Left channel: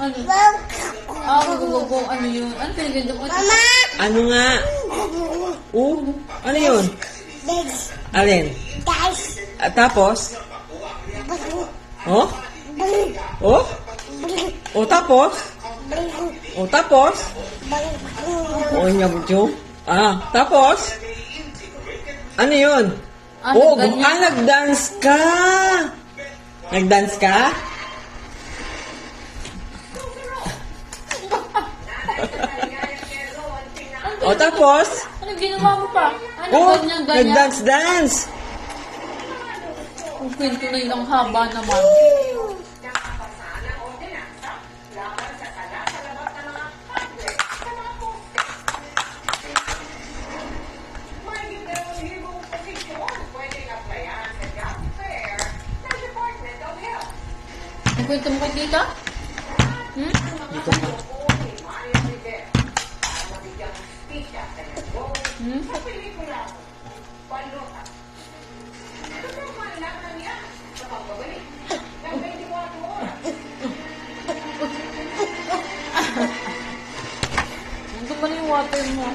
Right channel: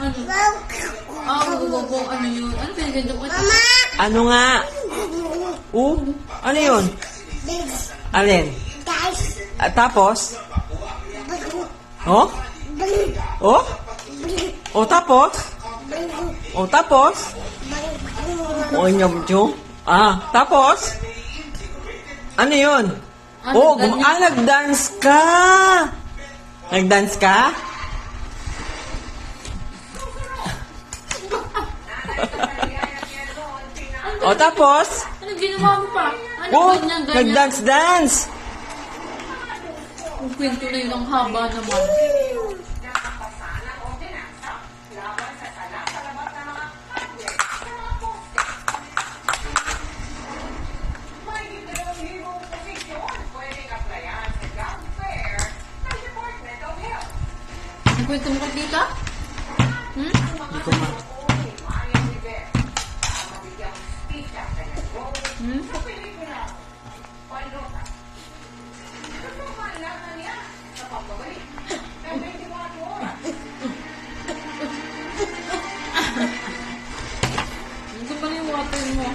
Ano? Ano yun? Ano pinaganda ko? Mama! Ano nga? Ano yun? Alin? Guys! At tapos? Oh? Oh? O tapos? O tapos? O inabutyo? Tapos? Ano yun? Nag-dance ka! Nag-dance ka? O tapos? Ano ginawa mo pa? Ano ganyan? Nag-dance-dance! Ang kwento na yun ang haba naman. Ang kwento mo kay tita? Hindi ko ma... Ano ba na yung water mo?